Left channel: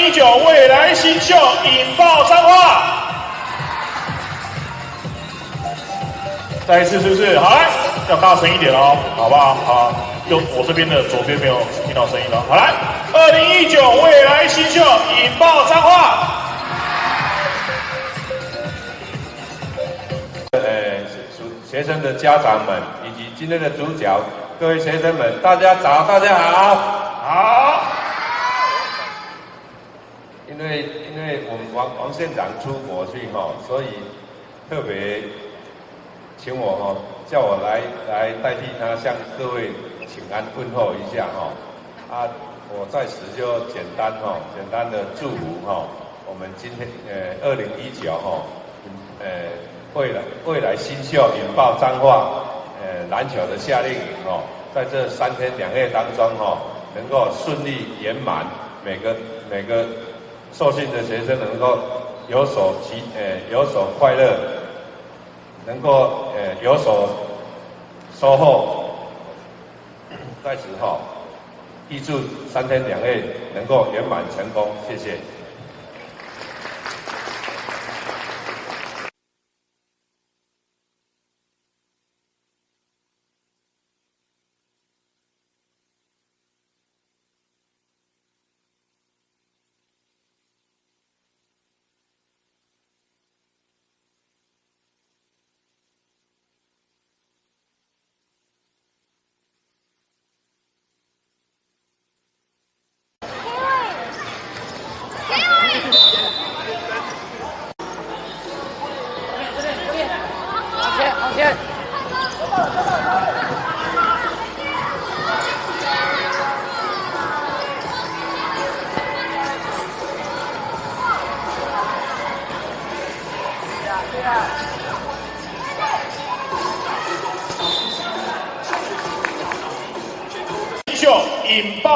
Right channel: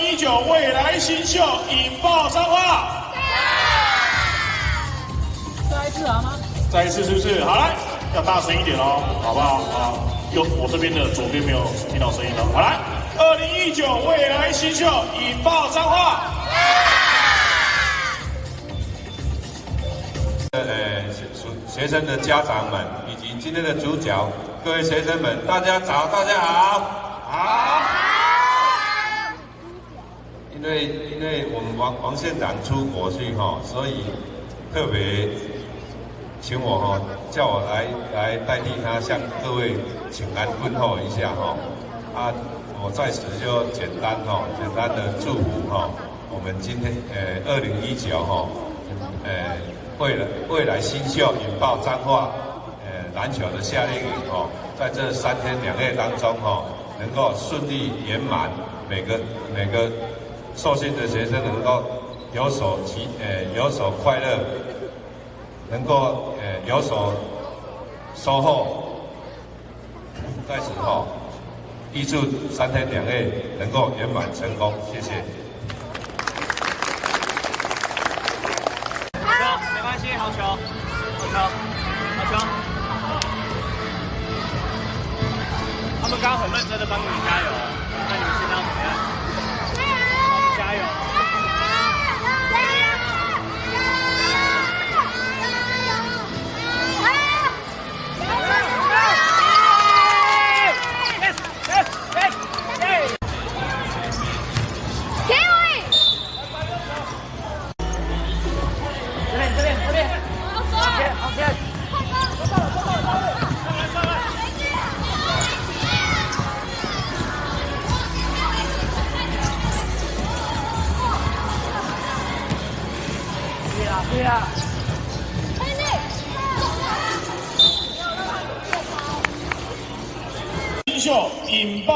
19未来新秀引爆彰化。再一次是不是？好来，要大声一点哦，好不好？好，就我这边的左边没有听到声音了。好来，2019未来新秀引爆彰化。学生的家长们以及今天的主角各位学生们，大家早，大家好，好。因为我们王县长出国去所以特别请我叫我来代替他向各位请安问候一下我在此就简单的祝福我们今天2019未来新秀引爆彰化篮球的夏令营在这3天2夜当中能够顺利圆满，每个受训的学生能够有所快乐，能够有所收获，在此预祝3天2夜能够圆满成功，谢谢。没关系，好球，好球。他们刚刚很认真的帮你们加油，那你们现在要怎么样？加油！新秀引爆。